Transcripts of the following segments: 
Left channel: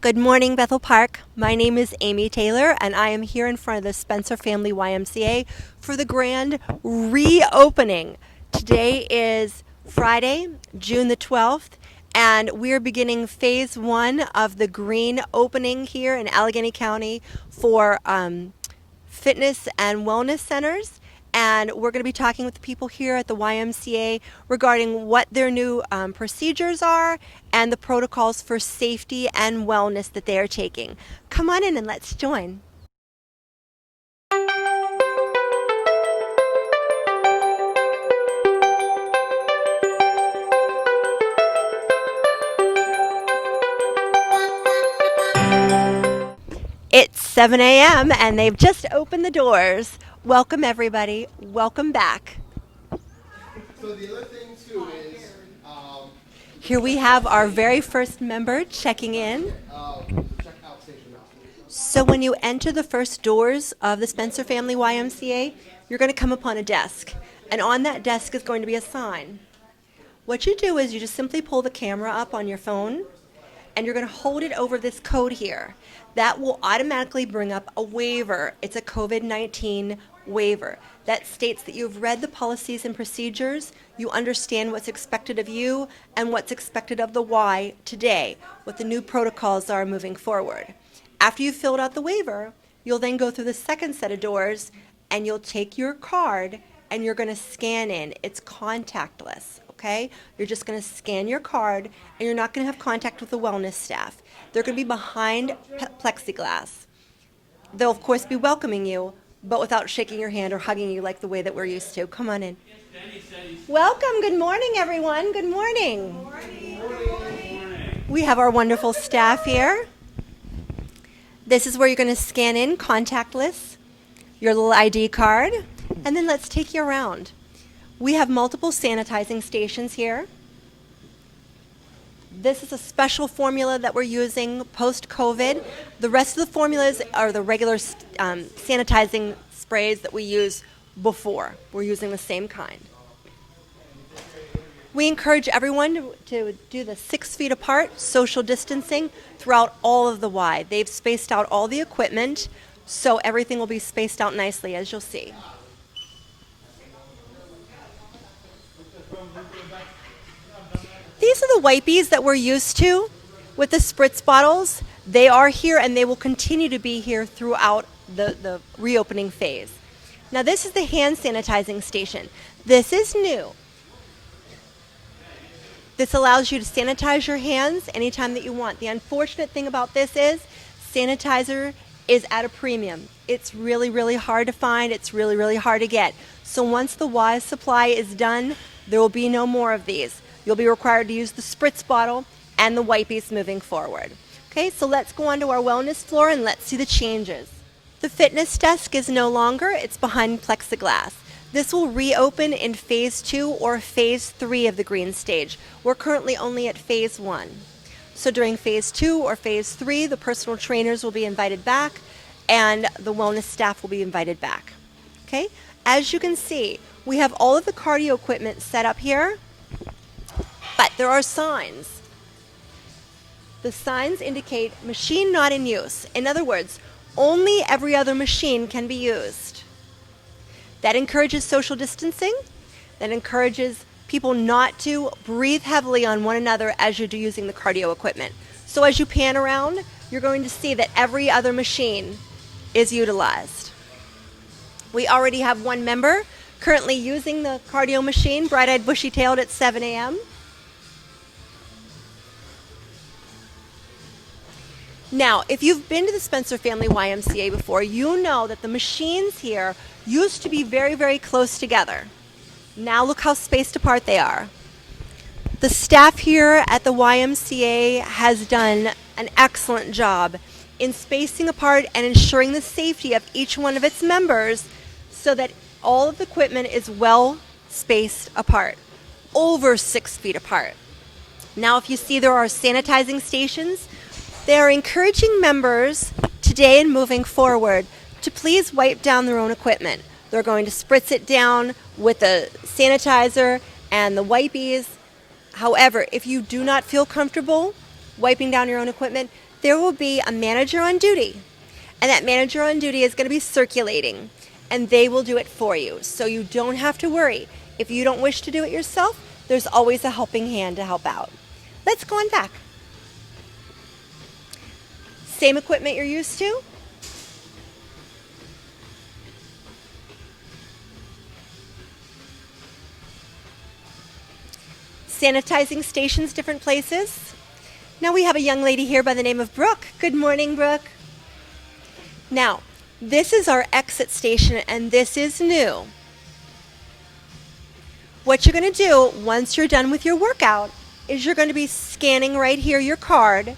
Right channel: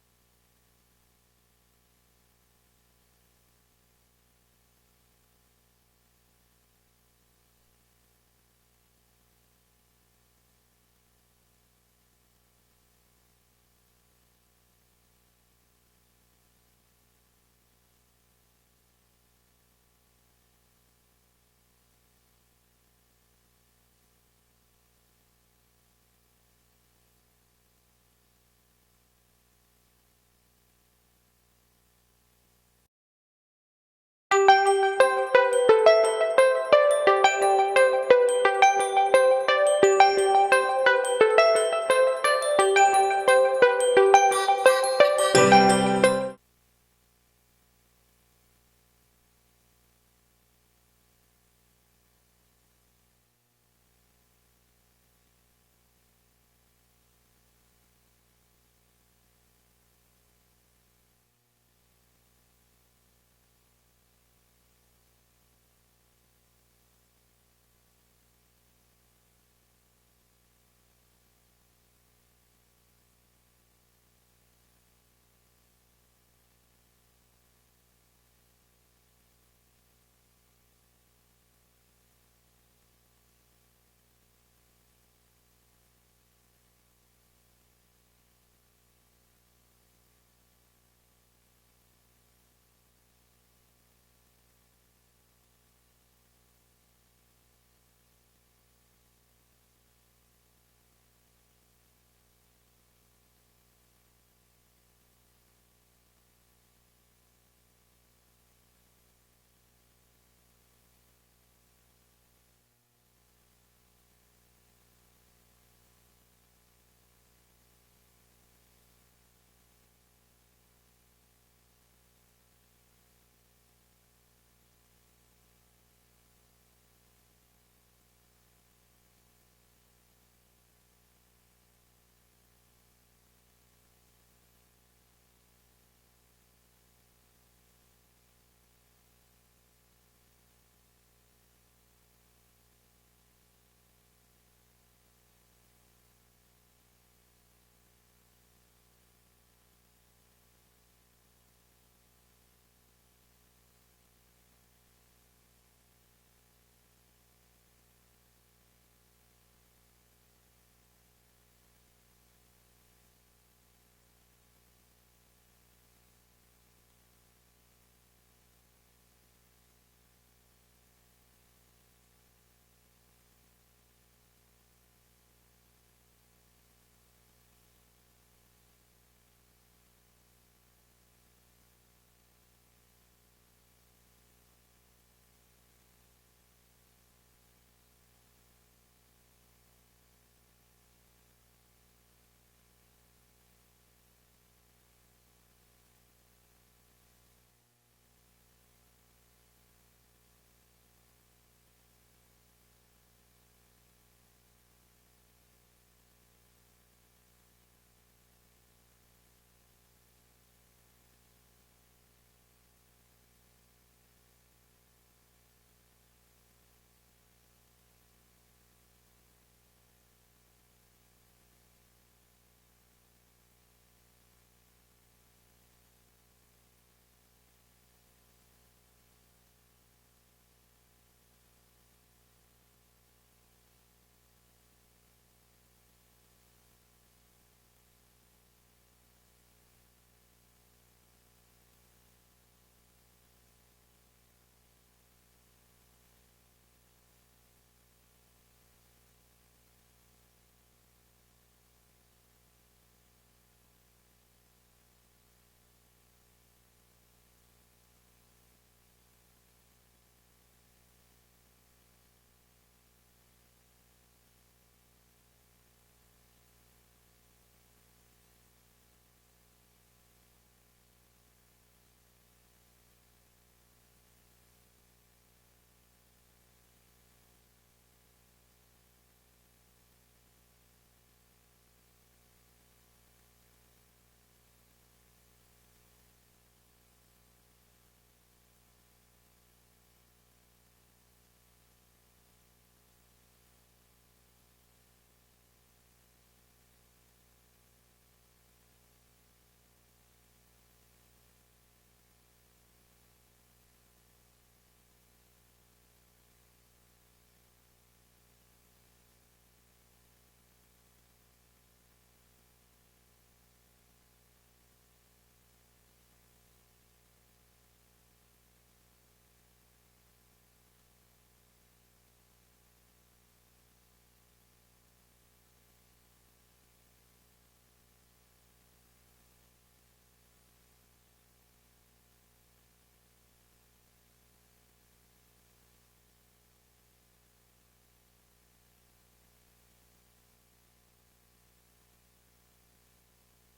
Good morning, Bethel Park. My name is Amy Taylor, and I am here in front of the Spencer Family YMCA for the grand reopening. Today is Friday, June the 12th, and we're beginning phase one of the green opening here in Allegheny County for fitness and wellness centers. And we're going to be talking with the people here at the YMCA regarding what their new procedures are and the protocols for safety and wellness that they are taking. Come on in and let's join. It's 7 a.m. and they've just opened the doors. Welcome, everybody. Welcome back. So the other thing too is Here we have our very first member checking in. check out station now. So when you enter the first doors of the Spencer Family YMCA, you're going to come upon a desk. And on that desk is going to be a sign. What you do is you just simply pull the camera up on your phone and you're going to hold it over this code here. That will automatically bring up a waiver. It's a COVID-19 waiver that states that you've read the policies and procedures, you understand what's expected of you and what's expected of the Y today, what the new protocols are moving forward. After you've filled out the waiver, you'll then go through the second set of doors and you'll take your card and you're going to scan in. It's contactless, okay? You're just going to scan your card and you're not going to have contact with the wellness staff. They're going to be behind plexiglass. They'll, of course, be welcoming you, but without shaking your hand or hugging you like the way that we're used to. Come on in. Welcome. Good morning, everyone. Good morning. Good morning. We have our wonderful staff here. This is where you're going to scan in, contactless, your little ID card, and then let's take you around. We have multiple sanitizing stations here. This is a special formula that we're using post-COVID. The rest of the formulas are the regular sanitizing sprays that we use before. We're using the same kind. We encourage everyone to do the 6 feet apart, social distancing throughout all of the Y. They've spaced out all the equipment, so everything will be spaced out nicely, as you'll see. These are the wipies that we're used to with the spritz bottles. They are here and they will continue to be here throughout the reopening phase. Now this is the hand sanitizing station. This is new. This allows you to sanitize your hands anytime that you want. The unfortunate thing about this is sanitizer is at a premium. It's really, really hard to find. It's really, really hard to get. So once the Y supply is done, there will be no more of these. You'll be required to use the spritz bottle and the wipies moving forward. Okay, so let's go on to our wellness floor and let's see the changes. The fitness desk is no longer, it's behind plexiglass. This will reopen in phase 2 or phase 3 of the green stage. We're currently only at phase 1. So during phase 2 or phase 3, the personal trainers will be invited back and the wellness staff will be invited back. Okay, as you can see, we have all of the cardio equipment set up here. But there are signs. The signs indicate machine not in use. In other words, only every other machine can be used. That encourages social distancing. That encourages people not to breathe heavily on one another as you're using the cardio equipment. So as you pan around, you're going to see that every other machine is utilized. We already have one member currently using the cardio machine, bright-eyed, bushy-tailed at 7 a.m. Now, if you've been to the Spencer Family YMCA before, you know that the machines here used to be very, very close together. Now look how spaced apart they are. The staff here at the YMCA has done an excellent job in spacing apart and ensuring the safety of each one of its members so that all of the equipment is well spaced apart, over 6 feet apart. Now, if you see there are sanitizing stations, they are encouraging members today and moving forward to please wipe down their own equipment. They're going to spritz it down with the sanitizer and the wipies. However, if you do not feel comfortable wiping down your own equipment, there will be a manager on duty. And that manager on duty is going to be circulating, and they will do it for you. So you don't have to worry. If you don't wish to do it yourself, there's always a helping hand to help out. Let's go on back. Same equipment you're used to. Sanitizing stations, different places. Now we have a young lady here by the name of Brooke. Good morning, Brooke. Now, this is our exit station, and this is new. What you're going to do once you're done with your workout is you're going to be scanning right here your card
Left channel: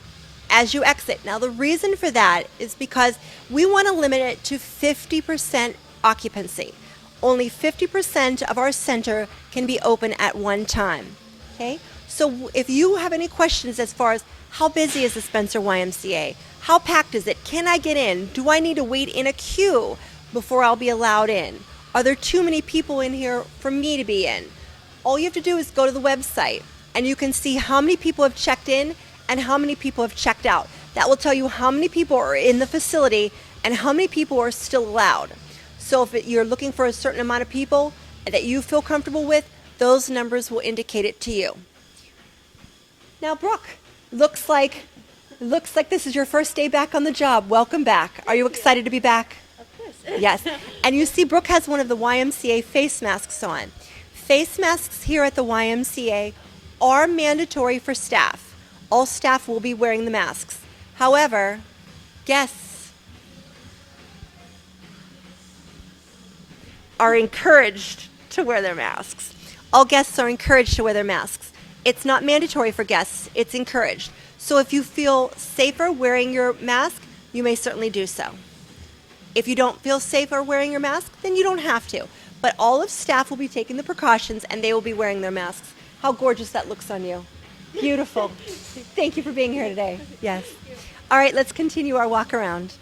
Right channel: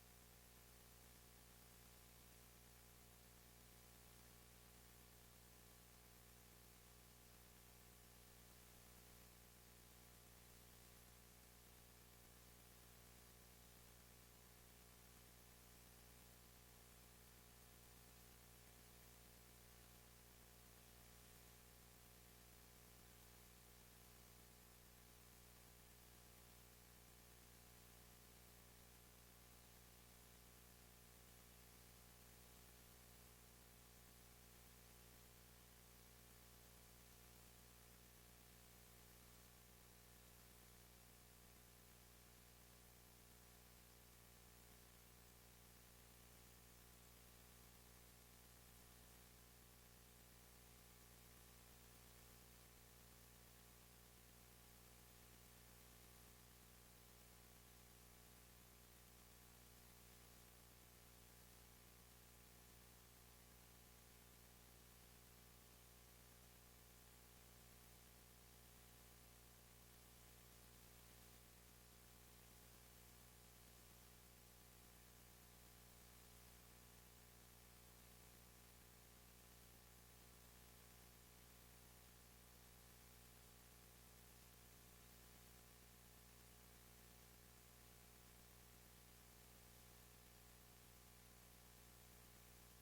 as you exit. Now, the reason for that is because we want to limit it to 50% occupancy. Only 50% of our center can be open at one time. Okay? So if you have any questions as far as how busy is the Spencer YMCA? How packed is it? Can I get in? Do I need to wait in a queue before I'll be allowed in? Are there too many people in here for me to be in? All you have to do is go to the website and you can see how many people have checked in and how many people have checked out. That will tell you how many people are in the facility and how many people are still allowed. So if you're looking for a certain amount of people that you feel comfortable with, those numbers will indicate it to you. Now, Brooke, looks like this is your first day back on the job. Welcome back. Are you excited to be back? Of course. Yes. And you see Brooke has one of the YMCA face masks on. Face masks here at the YMCA are mandatory for staff. All staff will be wearing the masks. However, guests are encouraged to wear their masks. All guests are encouraged to wear their masks. It's not mandatory for guests, it's encouraged. So if you feel safer wearing your mask, you may certainly do so. If you don't feel safer wearing your mask, then you don't have to. But all of staff will be taking the precautions and they will be wearing their masks. How gorgeous that looks on you. Beautiful. Thank you for being here today. Yes. All right, let's continue our walk around.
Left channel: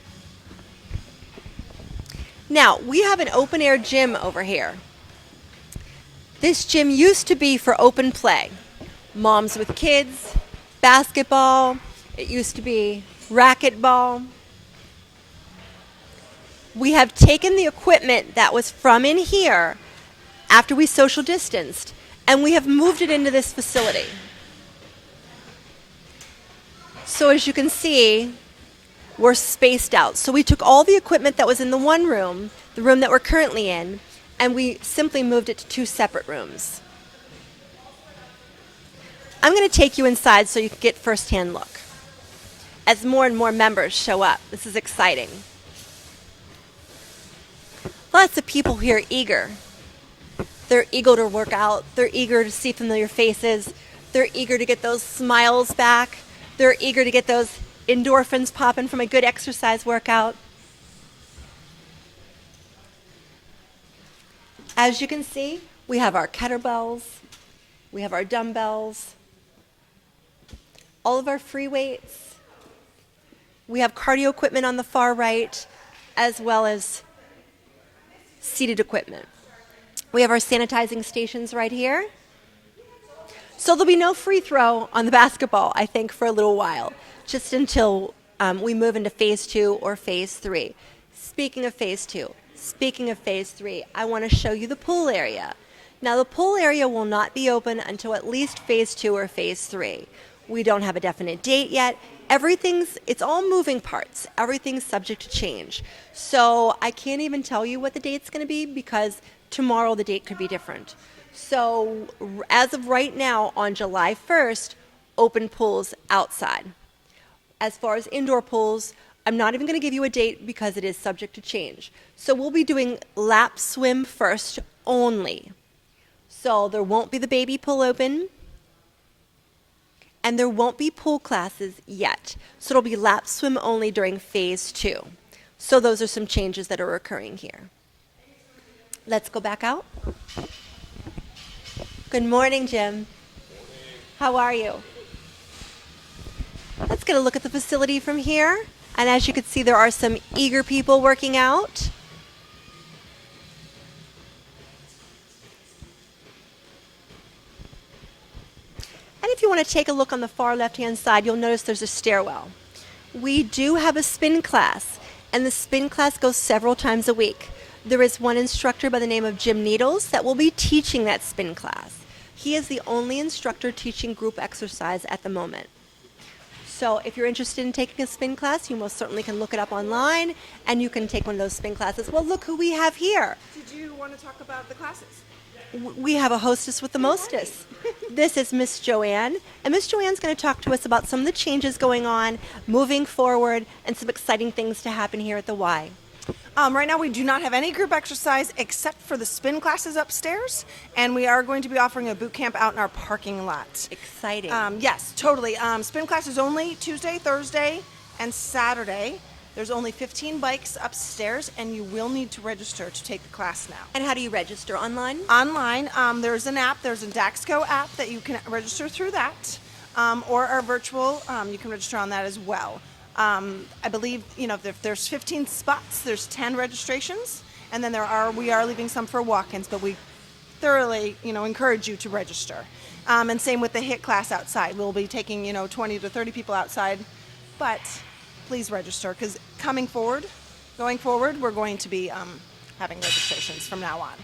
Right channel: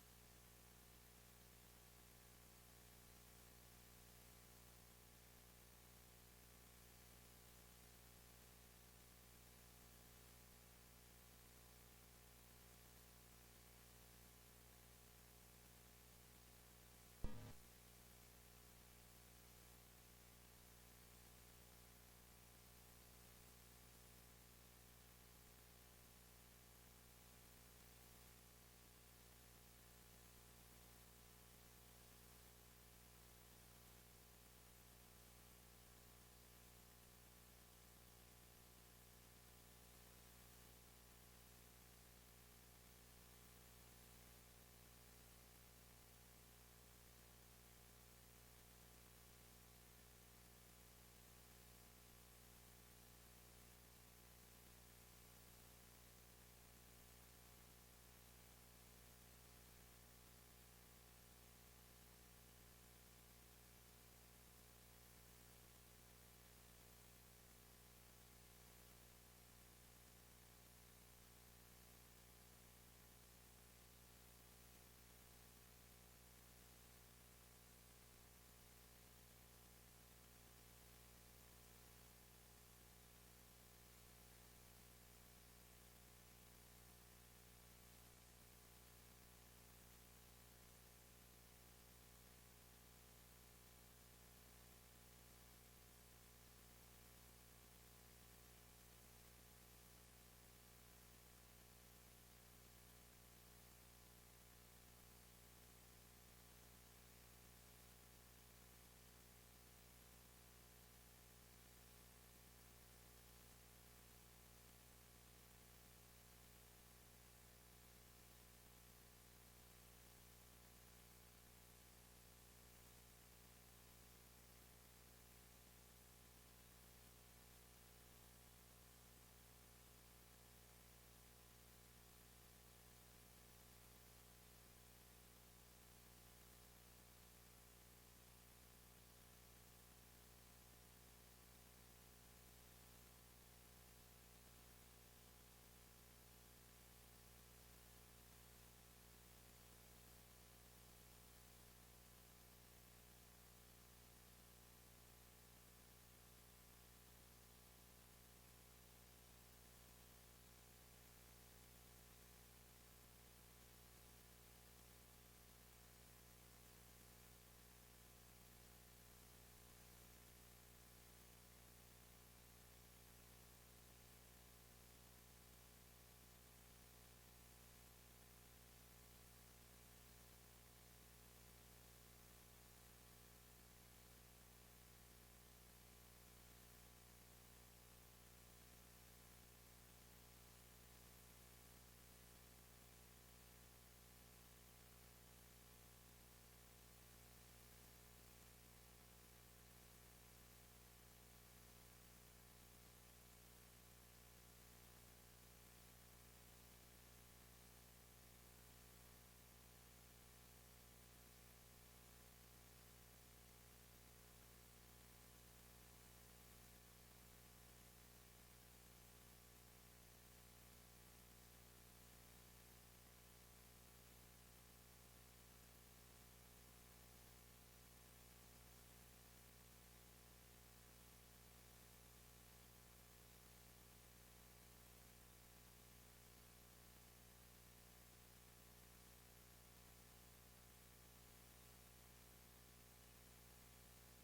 Now, we have an open air gym over here. This gym used to be for open play. Moms with kids, basketball, it used to be racquetball. We have taken the equipment that was from in here after we social distanced, and we have moved it into this facility. So as you can see, we're spaced out. So we took all the equipment that was in the one room, the room that we're currently in, and we simply moved it to two separate rooms. I'm going to take you inside so you can get first-hand look. As more and more members show up, this is exciting. Lots of people here eager. They're eager to work out. They're eager to see familiar faces. They're eager to get those smiles back. They're eager to get those endorphins popping from a good exercise workout. As you can see, we have our kettlebells. We have our dumbbells. All of our free weights. We have cardio equipment on the far right, as well as seated equipment. We have our sanitizing stations right here. So there'll be no free throw on the basketball, I think, for a little while, just until we move into phase 2 or phase 3. Speaking of phase 2, speaking of phase 3, I want to show you the pool area. Now, the pool area will not be open until at least phase 2 or phase 3. We don't have a definite date yet. It's all moving parts. Everything's subject to change. So I can't even tell you what the date's going to be because tomorrow the date could be different. So as of right now, on July 1st, open pools outside. As far as indoor pools, I'm not even going to give you a date because it is subject to change. So we'll be doing lap swim first only. So there won't be the baby pool open, and there won't be pool classes yet. So it'll be lap swim only during phase 2. So those are some changes that are occurring here. Let's go back out. Good morning, Jim. How are you? Let's get a look at the facility from here. And as you can see, there are some eager people working out. And if you want to take a look on the far left-hand side, you'll notice there's a stairwell. We do have a spin class, and the spin class goes several times a week. There is one instructor by the name of Jim Needles that will be teaching that spin class. He is the only instructor teaching group exercise at the moment. So if you're interested in taking a spin class, you most certainly can look it up online and you can take one of those spin classes. Well, look who we have here. Did you want to talk about the classes? We have a hostess with the mostest. This is Miss Joanne, and Miss Joanne's going to talk to us about some of the changes going on, moving forward, and some exciting things to happen here at the Y. Right now we do not have any group exercise except for the spin classes upstairs, and we are going to be offering a boot camp out in our parking lot. Exciting. Yes, totally. Spin class is only Tuesday, Thursday, and Saturday. There's only 15 bikes upstairs, and you will need to register to take the class now. And how do you register? Online? Online, there's an app. There's a Daxco app that you can register through that, or our virtual. You can register on that as well. I believe if there's 15 spots, there's 10 registrations, and then we are leaving some for walk-ins, but we thoroughly encourage you to register. And same with the HIIT class outside. We'll be taking 20 to 30 people outside, but please register because going forward, we're going to be having registrations from now on.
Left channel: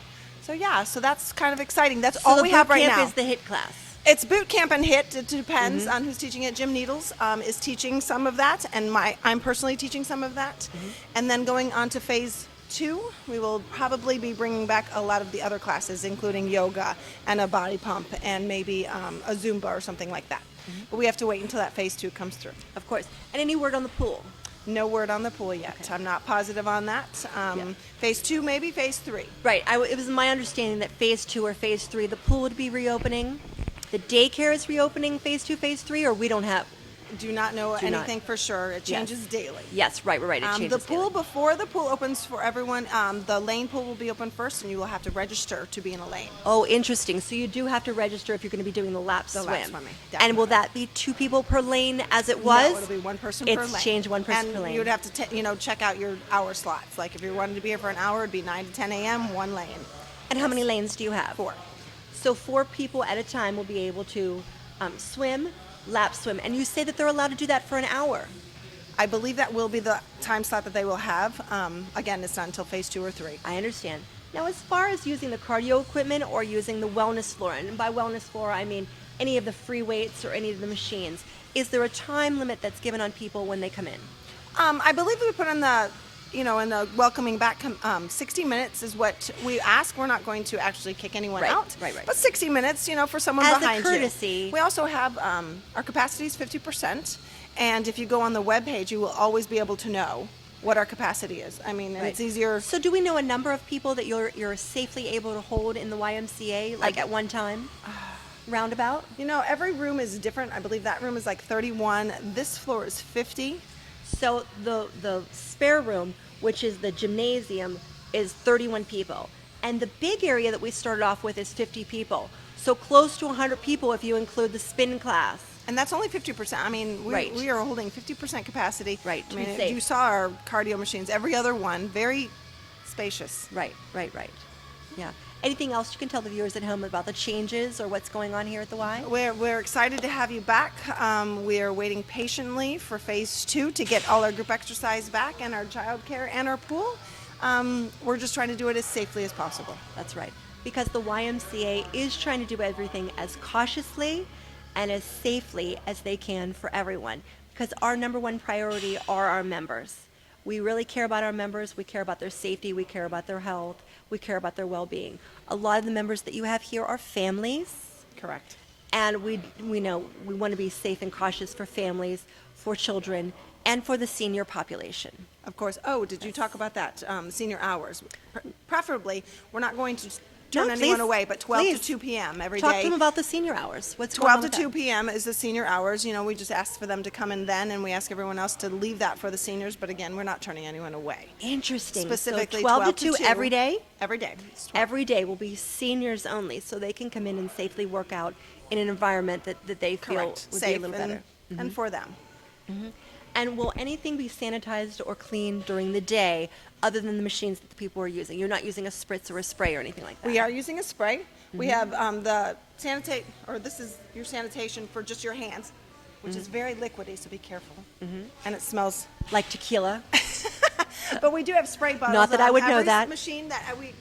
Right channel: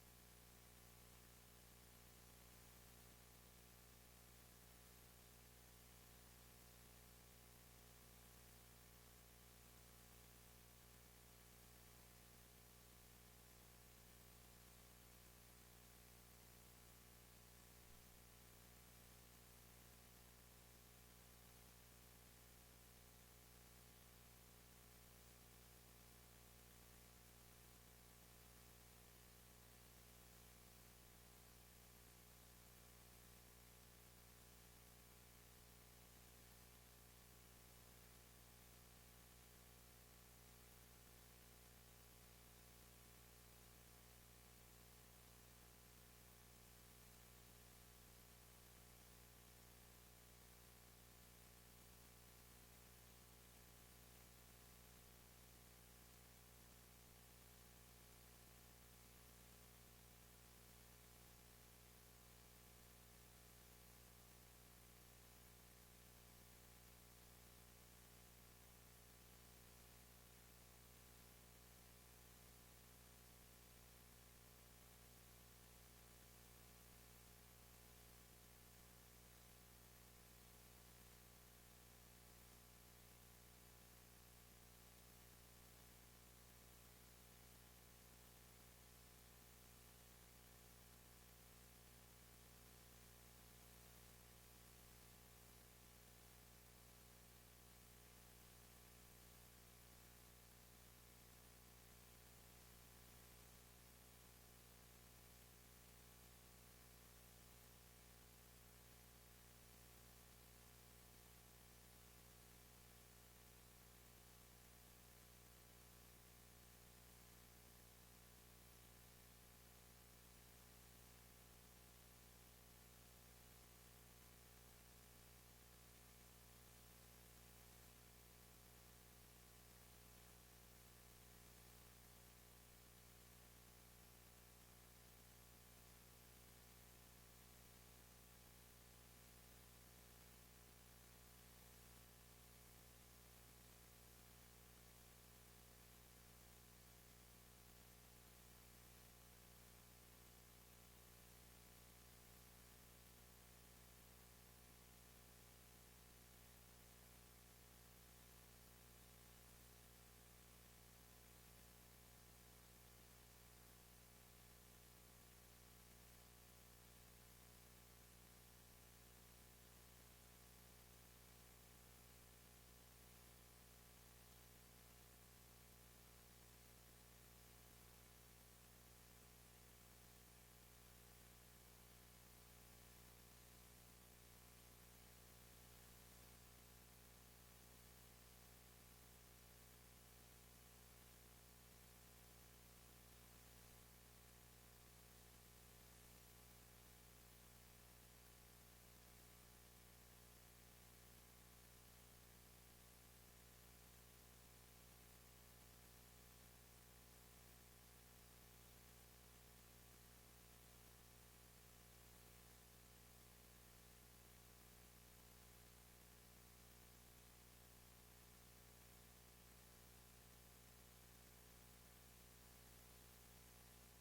So yeah, so that's kind of exciting. That's all we have right now. Is the HIIT class. It's boot camp and HIIT. It depends on who's teaching it. Jim Needles is teaching some of that, and I'm personally teaching some of that. And then going on to phase 2, we will probably be bringing back a lot of the other classes, including yoga and a body pump and maybe a Zumba or something like that. But we have to wait until that phase 2 comes through. Of course. And any word on the pool? No word on the pool yet. Okay. I'm not positive on that. Phase 2, maybe phase 3. Right. It was my understanding that phase 2 or phase 3, the pool would be reopening. The daycare is reopening phase 2, phase 3, or we don't have. Do not know Do not. anything for sure. It changes daily. Yes, right. It changes The pool, daily. before the pool opens for everyone, the lane pool will be open first, and you will have to register to be in a lane. Oh, interesting. So you do have to register if you're going to be doing the lap The swim. lap swimming, And will that be 2 people per lane as it was? No, it'll be one person per lane. It's changed one person and per lane. you would have to, check out your hour slots. Like if you wanted to be here for an hour, it'd be 9 to 10 a.m., one lane. And how many lanes do you have? 4. So 4 people at a time will be able to swim, lap swim. And you say that they're allowed to do that for an hour. I believe that will be the time slot that they will have. Again, it's not until phase 2 or 3. I understand. Now, as far as using the cardio equipment or using the wellness floor, and by wellness floor, I mean any of the free weights or any of the machines, is there a time limit that's given on people when they come in? I believe we put in the welcoming back, 60 minutes is what we ask. We're not going to actually kick anyone Right, out. right. But 60 minutes, for someone As a behind courtesy. you. We also have, our capacity is 50%. And if you go on the webpage, you will always be able to know what our capacity is. I mean, and it's easier. So do we know a number of people that you're safely able to hold in the YMCA, like at one time? Roundabout? Every room is different. I believe that room is like 31. This floor is 50. So the spare room, which is the gymnasium, is 31 people. And the big area that we started off with is 50 people. So close to 100 people if you include the spin class. And that's only 50%. I mean, we are holding 50% capacity. Right, I to mean, be safe. you saw our cardio machines, every other one, very spacious. Right. Yeah. Anything else you can tell the viewers at home about the changes or what's going on here at the Y? We're excited to have you back. We are waiting patiently for phase 2 to get all our group exercise back and our childcare and our pool. We're just trying to do it as safely as possible. That's right. Because the YMCA is trying to do everything as cautiously and as safely as they can for everyone. Because our number one priority are our members. We really care about our members. We care about their safety. We care about their health. We care about their well-being. A lot of the members that you have here are families. Correct. And we know we want to be safe and cautious for families, for children, and for the senior population. Of course. Oh, did you talk about that? Senior hours. Preferably, we're not going to turn anyone away, but 12 please. to 2 p.m. every day. Talk to them about the senior hours. What's going 12 on to with 2 that? p.m. is the senior hours. We just ask for them to come in then, and we ask everyone else to leave that for the seniors. But again, we're not turning anyone away. Interesting. Specifically, so 12 to 2 every day? Every day. It's 12. Every day will be seniors only, so they can come in and safely work out in an environment that they feel Correct. would Safe be a little better. and for them. And will anything be sanitized or cleaned during the day other than the machines that the people are using? You're not using a spritz or a spray or anything like that? We are using a spray. We have this is your sanitation for just your hands. which is very liquidy, so be careful. And it smells. Like tequila. But we do have spray bottles. Not that I would on know every that. machine that we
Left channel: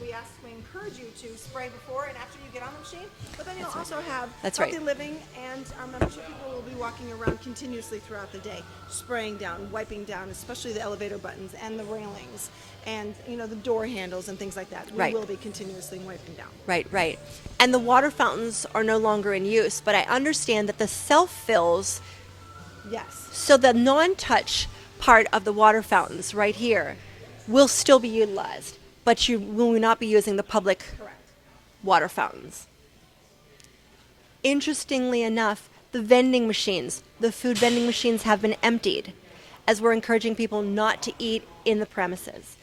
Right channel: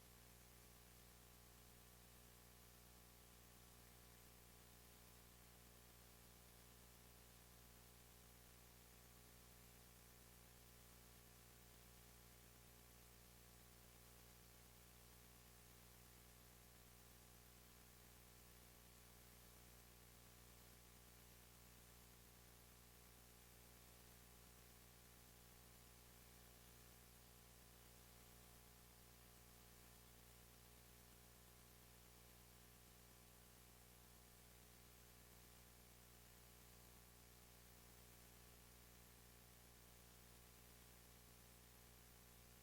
encourage you to spray before and after you get on the machine. But then you'll also have That's healthy right. living, and our membership people will be walking around continuously throughout the day, spraying down, wiping down, especially the elevator buttons and the railings, and the door handles and things like that. We Right. will be continuously wiping down. Right, right. And the water fountains are no longer in use, but I understand that the self-fills, Yes. so the non-touch part of the water fountains right here will still be utilized, but you will not be using the public Correct. water fountains. Interestingly enough, the vending machines, the food vending machines have been emptied as we're encouraging people not to eat in the premises.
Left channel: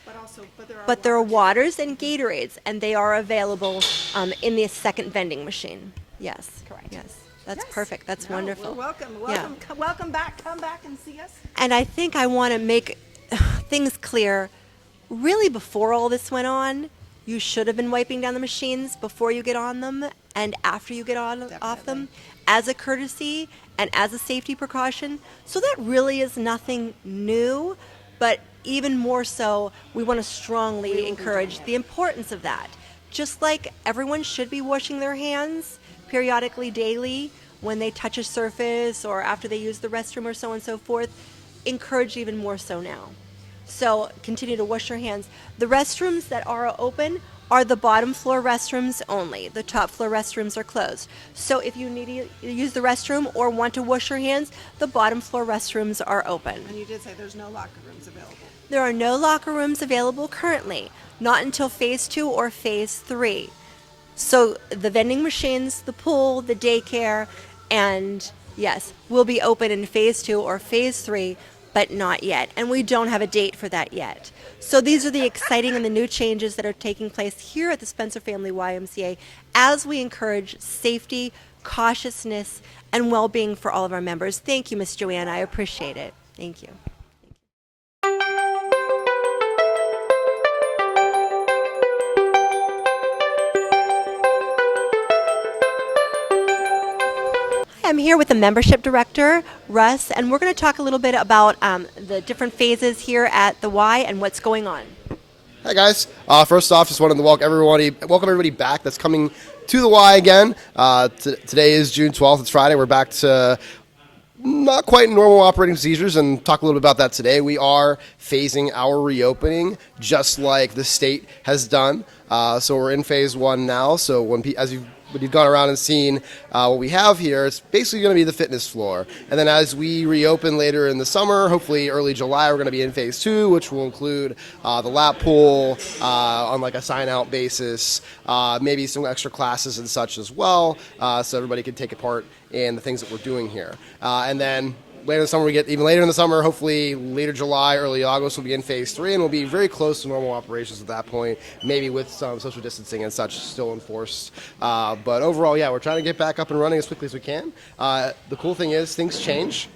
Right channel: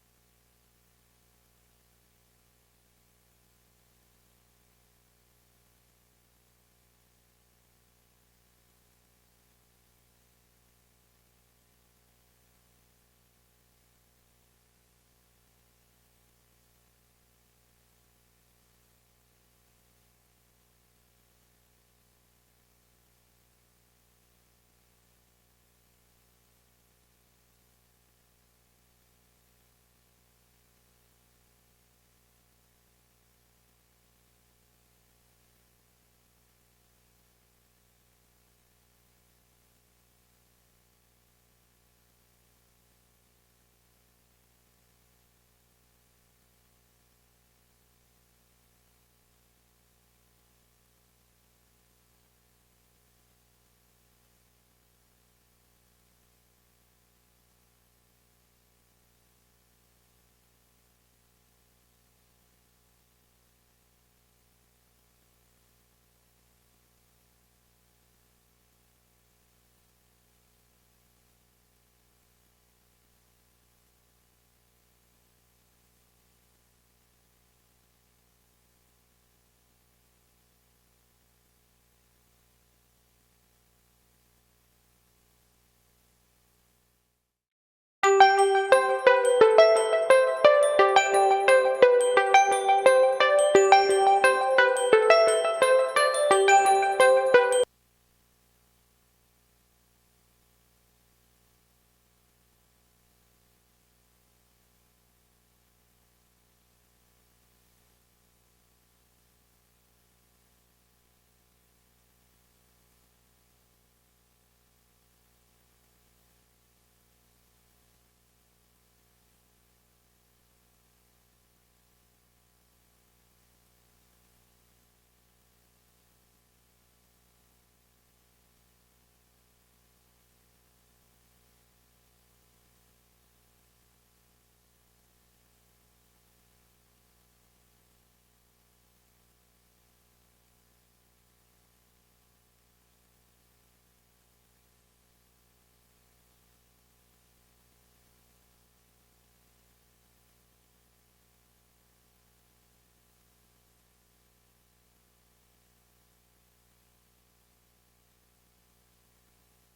But there are Waters and Gatorades, and they are available in the second vending machine. Yes. Correct. Yes. That's Yes. perfect. That's No, wonderful. We're welcome. Yeah. Welcome. Welcome back. Come back and see us. And I think I want to make things clear. Really, before all this went on, you should have been wiping down the machines before you get on them and after you get off them as a courtesy and as a safety precaution. So that really is nothing new, but even more so, we want to strongly encourage the importance of that. Just like everyone should be washing their hands periodically, daily, when they touch a surface or after they use the restroom or so on and so forth, encourage even more so now. So continue to wash your hands. The restrooms that are open are the bottom floor restrooms only. The top floor restrooms are closed. So if you need to use the restroom or want to wash your hands, the bottom floor restrooms are open. And you did say there's no locker rooms available. There are no locker rooms available currently, not until phase 2 or phase 3. So the vending machines, the pool, the daycare, and yes, will be open in phase 2 or phase 3, but not yet. And we don't have a date for that yet. So these are the exciting and the new changes that are taking place here at the Spencer Family YMCA as we encourage safety, cautiousness, and well-being for all of our members. Thank you, Ms. Joanna. I appreciate it. Thank you. I'm here with the membership director, Russ, and we're going to talk a little bit about the different phases here at the Y and what's going on. Hi guys. First off, just wanted to welcome everybody back that's coming to the Y again. Today is June 12th. It's Friday. We're back to not quite normal operating procedures, and talk a little bit about that today. We are phasing our reopening just like the state has done. So we're in phase 1 now. So when you've gone around and seen what we have here, it's basically going to be the fitness floor. And then as we reopen later in the summer, hopefully early July, we're going to be in phase 2, which will include the lap pool on like a sign-out basis, maybe some extra classes and such as well, so everybody can take a part in the things that we're doing here. And then later in the summer, we get even later in the summer, hopefully later July, early August, we'll be in phase 3, and we'll be very close to normal operations at that point, maybe with some social distancing and such still enforced. But overall, yeah, we're trying to get back up and running as quickly as we can. The cool thing is things change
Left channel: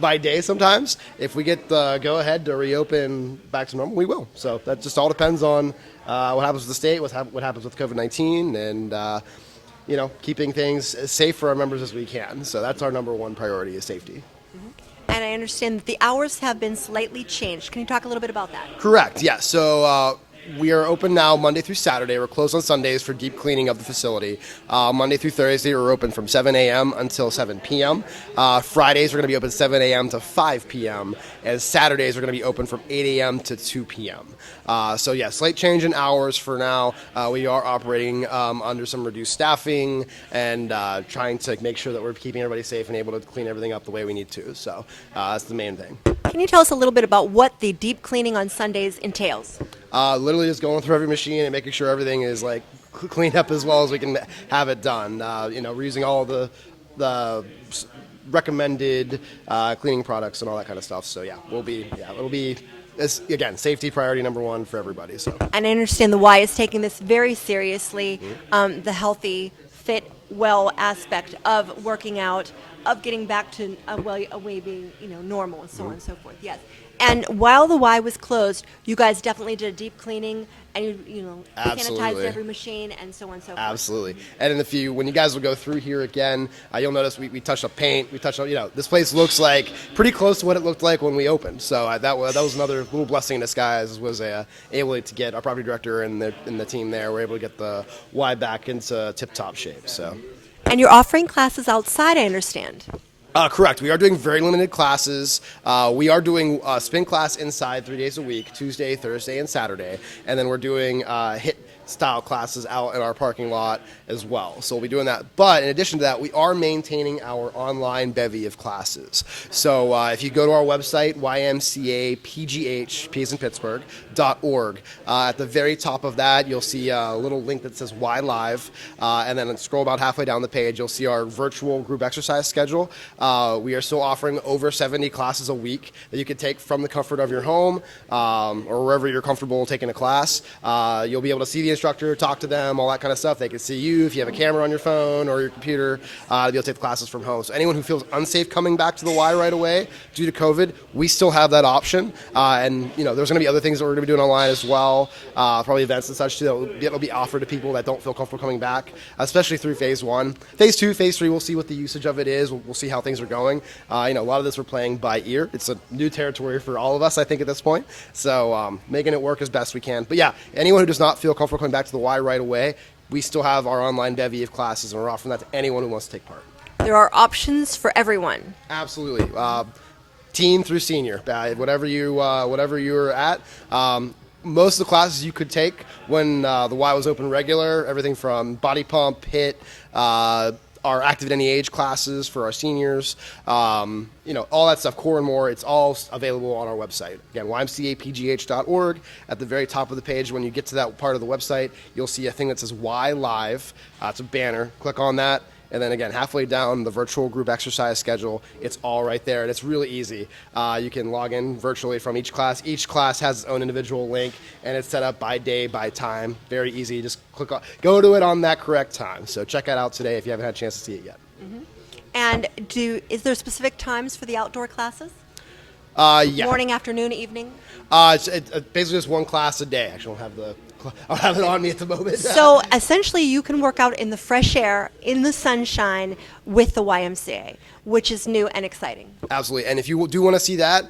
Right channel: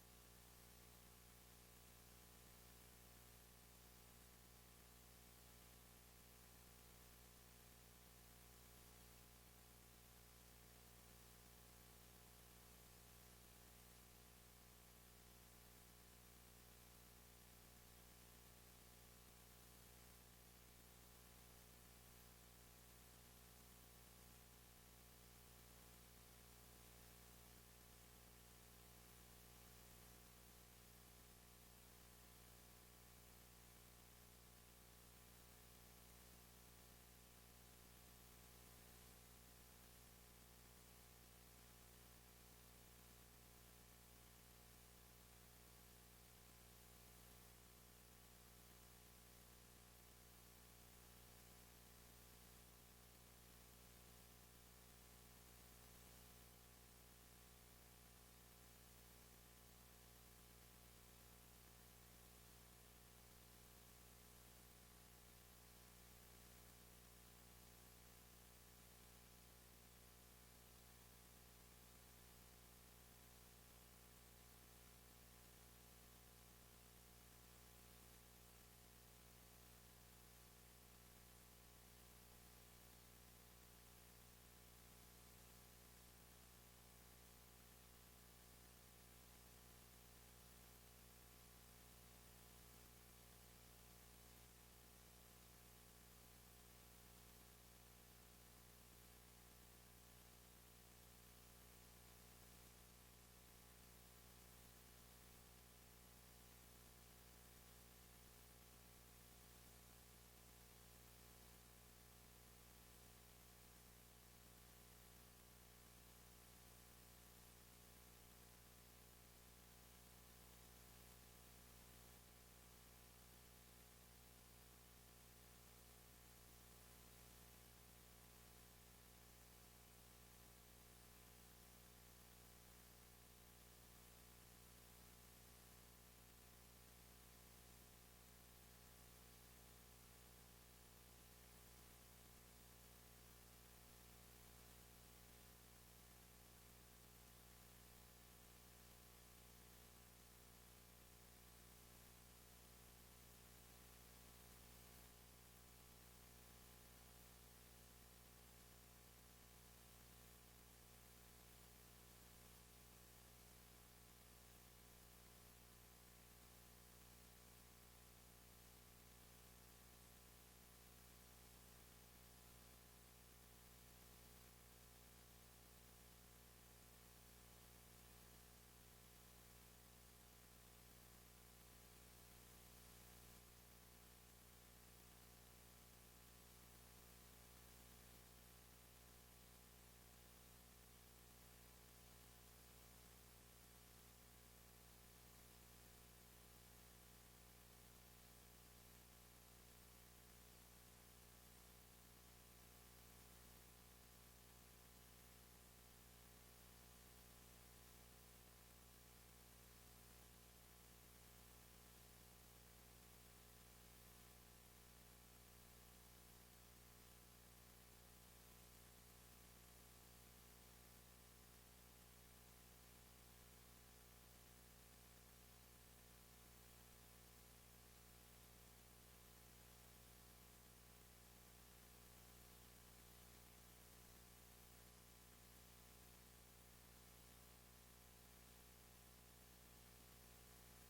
by day sometimes. If we get the go-ahead to reopen back to normal, we will. So that just all depends on what happens with the state, what happens with COVID-19, and keeping things as safe for our members as we can. So that's our number one priority, is safety. And I understand that the hours have been slightly changed. Can you talk a little bit about that? Correct, yes. So we are open now Monday through Saturday. We're closed on Sundays for deep cleaning of the facility. Monday through Thursday, we're open from 7 a.m. until 7 p.m. Fridays, we're going to be open 7 a.m. to 5 p.m. And Saturdays, we're going to be open from 8 a.m. to 2 p.m. So yeah, slight change in hours for now. We are operating under some reduced staffing and trying to make sure that we're keeping everybody safe and able to clean everything up the way we need to. So that's the main thing. Can you tell us a little bit about what the deep cleaning on Sundays entails? Literally just going through every machine and making sure everything is like cleaned up as well as we can have it done. We're using all the recommended cleaning products and all that kind of stuff. So yeah, it'll be. It's, again, safety priority number 1 for everybody. So. And I understand the Y is taking this very seriously, the healthy, fit, well aspect of working out, of getting back to a way being, normal and so on and so forth. Yes. And while the Y was closed, you guys definitely did a deep cleaning and sanitized Absolutely. every machine and so on and so forth. Absolutely. And when you guys will go through here again, you'll notice we touched up paint. We touched up, this place looks like pretty close to what it looked like when we opened. So that was another little blessing in disguise, was able to get our property director and the team there. We're able to get the Y back into tip-top shape. So. And you're offering classes outside, I understand. Correct. We are doing very limited classes. We are doing spin class inside 3 days a week, Tuesday, Thursday, and Saturday. And then we're doing HIIT style classes out in our parking lot as well. So we'll be doing that. But in addition to that, we are maintaining our online bevy of classes. So if you go to our website, ymcapgh.org, at the very top of that, you'll see a little link that says Y Live. And then scroll about halfway down the page, you'll see our virtual group exercise schedule. We are still offering over 70 classes a week that you can take from the comfort of your home or wherever you're comfortable taking a class. You'll be able to see the instructor, talk to them, all that kind of stuff. They can see you if you have a camera on your phone or your computer, to be able to take the classes from home. So anyone who feels unsafe coming back to the Y right away due to COVID, we still have that option. And there's going to be other things that we're going to be doing online as well, probably events and such too that'll be offered to people that don't feel comfortable coming back, especially through phase 1. Phase 2, phase 3, we'll see what the usage of it is. We'll see how things are going. A lot of this we're playing by ear. It's a new territory for all of us, I think, at this point. So making it work as best we can. But yeah, anyone who does not feel comfortable coming back to the Y right away, we still have our online bevy of classes, and we're offering that to anyone who wants to take part. There are options for everyone. Absolutely. Teen through senior, whatever you're at. Most of the classes you could take when the Y was open regular, everything from body pump, HIIT, our active at any age classes for our seniors, all that stuff, core and more, it's all available on our website. Again, ymcapgh.org. At the very top of the page, when you get to that part of the website, you'll see a thing that says Y Live. It's a banner. Click on that. And then again, halfway down the virtual group exercise schedule, it's all right there, and it's really easy. You can log in virtually from each class. Each class has its own individual link, and it's set up by day, by time. Very easy. Just go to it on that correct time. So check it out today if you haven't had a chance to see it yet. Mm-hmm. And is there specific times for the outdoor classes? Yeah. Morning, afternoon, evening? It's basically just one class a day. Actually, I'll have it on me at the moment. So essentially, you can work out in the fresh air, in the sunshine, with the YMCA, which is new and exciting. Absolutely. And if you do want to see that,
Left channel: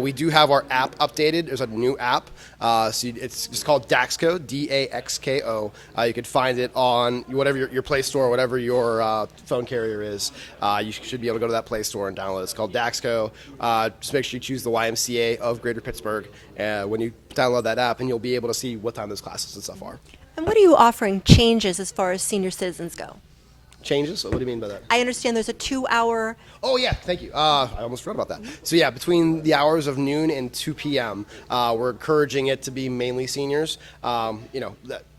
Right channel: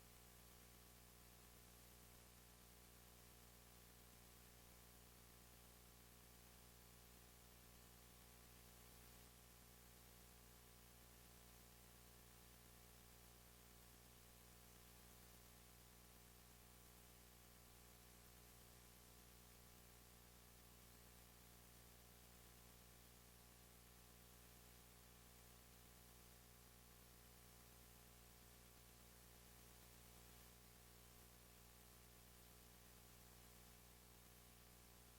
we do have our app updated. There's a new app. It's just called Daxco, DAXKO. You can find it on whatever your Play Store, whatever your phone carrier is. You should be able to go to that Play Store and download it. It's called Daxco. Just make sure you choose the YMCA of Greater Pittsburgh when you download that app, and you'll be able to see what time those classes and stuff are. And what are you offering changes as far as senior citizens go? Changes? What do you mean by that? I understand there's a 2-hour... Oh, yeah, thank you. I almost forgot about that. So, yeah, between the hours of noon and 2 p.m., we're encouraging it to be mainly seniors.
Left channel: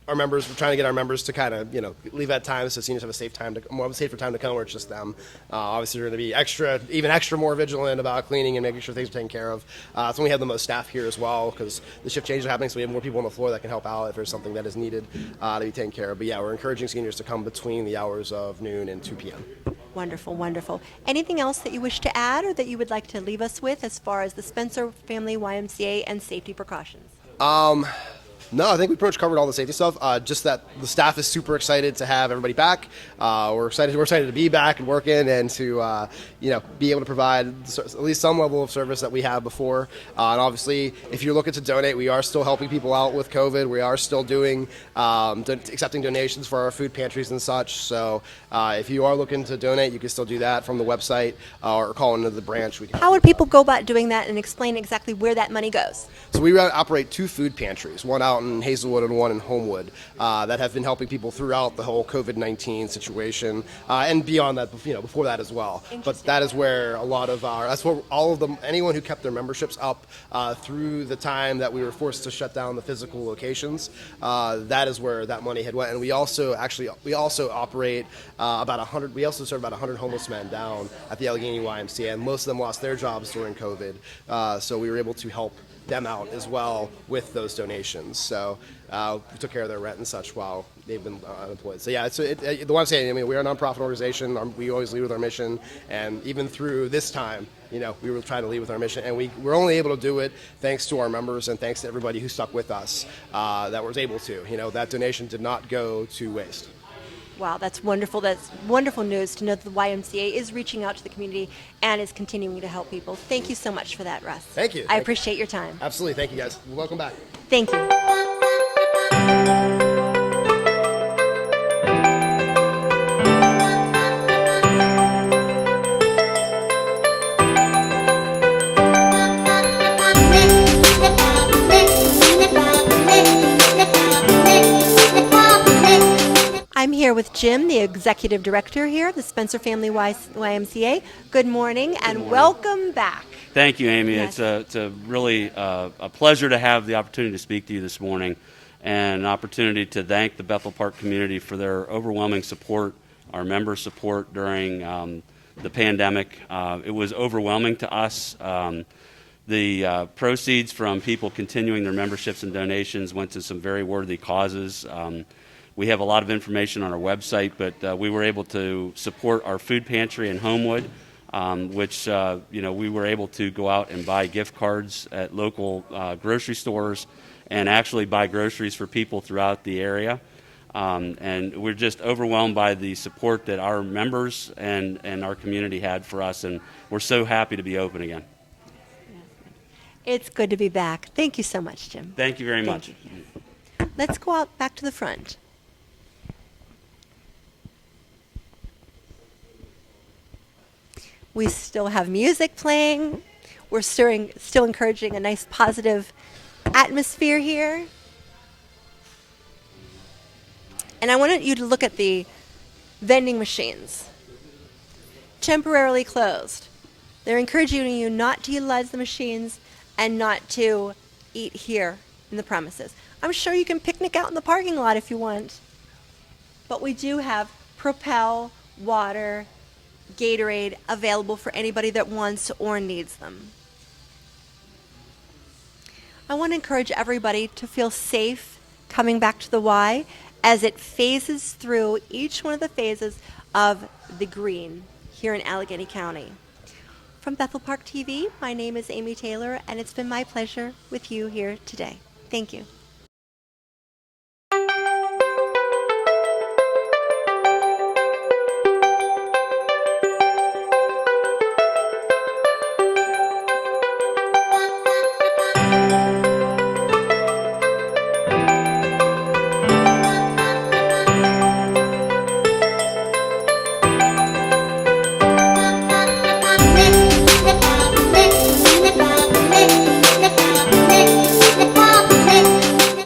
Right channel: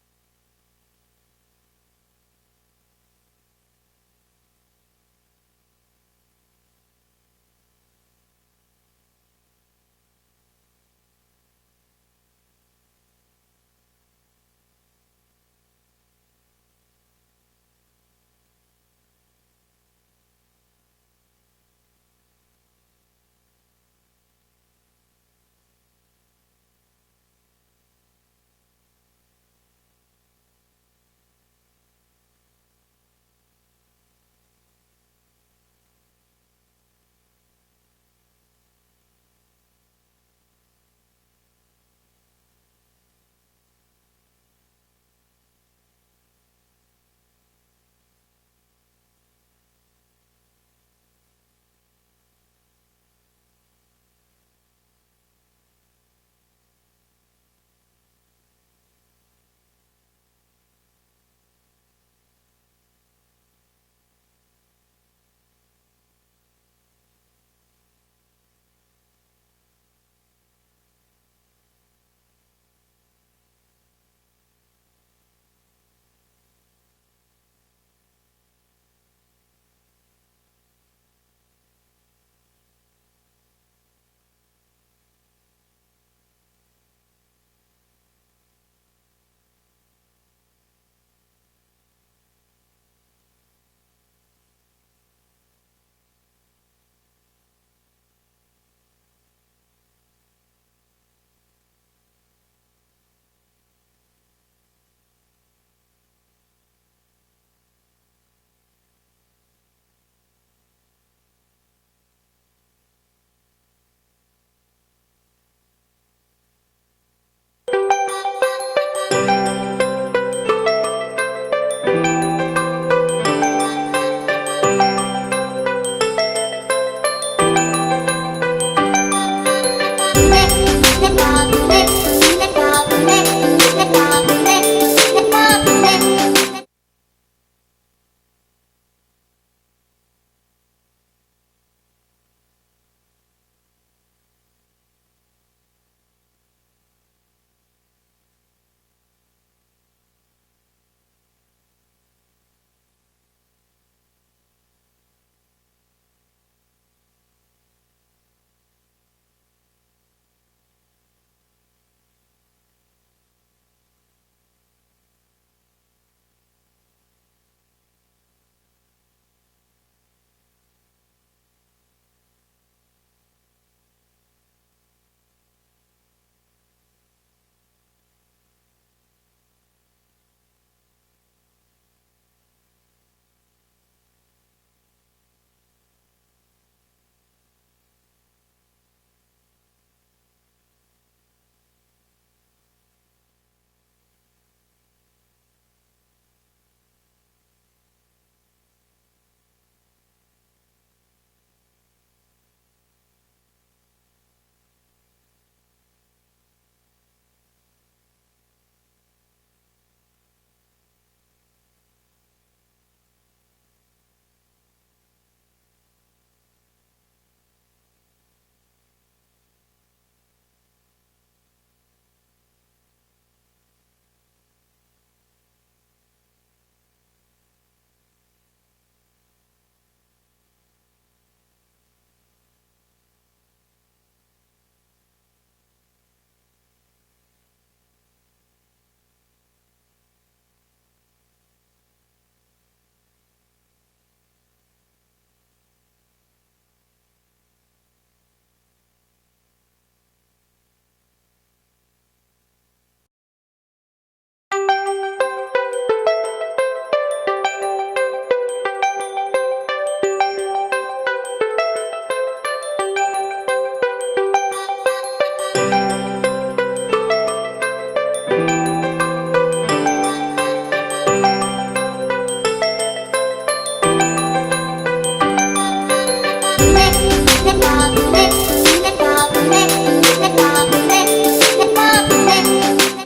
Our members, we're trying to get our members to kind of, leave at times so seniors have a safer time to come where it's just them. Obviously, we're going to be extra more vigilant about cleaning and making sure things are taken care of. That's when we have the most staff here as well, because the shift changes are happening, so we have more people on the floor that can help out if there's something that is needed to be taken care of. But yeah, we're encouraging seniors to come between the hours of noon and 2 p.m. Wonderful, wonderful. Anything else that you wish to add or that you would like to leave us with as far as the Spencer Family YMCA and safety precautions? No, I think we pretty much covered all the safety stuff. Just that the staff is super excited to have everybody back. We're excited to be back and working and to be able to provide at least some level of service that we have before. And obviously, if you're looking to donate, we are still helping people out with COVID. We are still doing accepting donations for our food pantries and such. So if you are looking to donate, you can still do that from the website or call into the branch. How would people go about doing that, and explain exactly where that money goes? So we operate 2 food pantries, one out in Hazelwood and one in Homewood, that have been helping people throughout the whole COVID-19 situation and beyond that, before that as well. But that is where anyone who kept their memberships up through the time that we were forced to shut down the physical locations, that is where that money had went. And we also operate about 100. We also serve about 100 homeless men down at the Allegheny YMCA, and most of them lost their jobs during COVID. So we were able to help them out as well with those donations. So we took care of their rent and such while they've been unemployed. So yeah, the one I'm saying, I mean, we're a nonprofit organization. We always lead with our mission, and even through this time, we were trying to lead with our mission, and we're only able to do it thanks to our members and thanks to everybody who stuck with us that was able to. That donation did not go to waste. Wow, that's wonderful. That's wonderful news to know that the YMCA is reaching out to the community and is continuing to help people. Thank you so much for that, Russ. Thank you. I appreciate your time. Absolutely. Thank you, guys. Welcome back. Thank you. I'm here with Jim, the executive director here at the Spencer Family YMCA. Good morning and welcome back. Thank you, Amy. Yes. It's a really a pleasure to have the opportunity to speak to you this morning, and an opportunity to thank the Bethel Park community for their overwhelming support, our member support during the pandemic. It was overwhelming to us. The proceeds from people continuing their memberships and donations went to some very worthy causes. We have a lot of information on our website, but we were able to support our food pantry in Homewood, which we were able to go out and buy gift cards at local grocery stores and actually buy groceries for people throughout the area. And we're just overwhelmed by the support that our members and our community had for us, and we're so happy to be open again. It's good to be back. Thank you so much, Jim. Thank you very Thank much. you. Let's go out back to the front. We still have music playing. We're still encouraging a nice positive atmosphere here. And I wanted you to look at the vending machines. Temporarily closed. They're encouraging you not to utilize the machines and not to eat here in the premises. I'm sure you can picnic out in the parking lot if you want. But we do have Propel, water, Gatorade available for anybody that wants or needs them. I want to encourage everybody to feel safe coming back to the Y as it phases through each one of the phases of the green here in Allegheny County. From Bethel Park TV, my name is Amy Taylor, and it's been my pleasure with you here today. Thank you.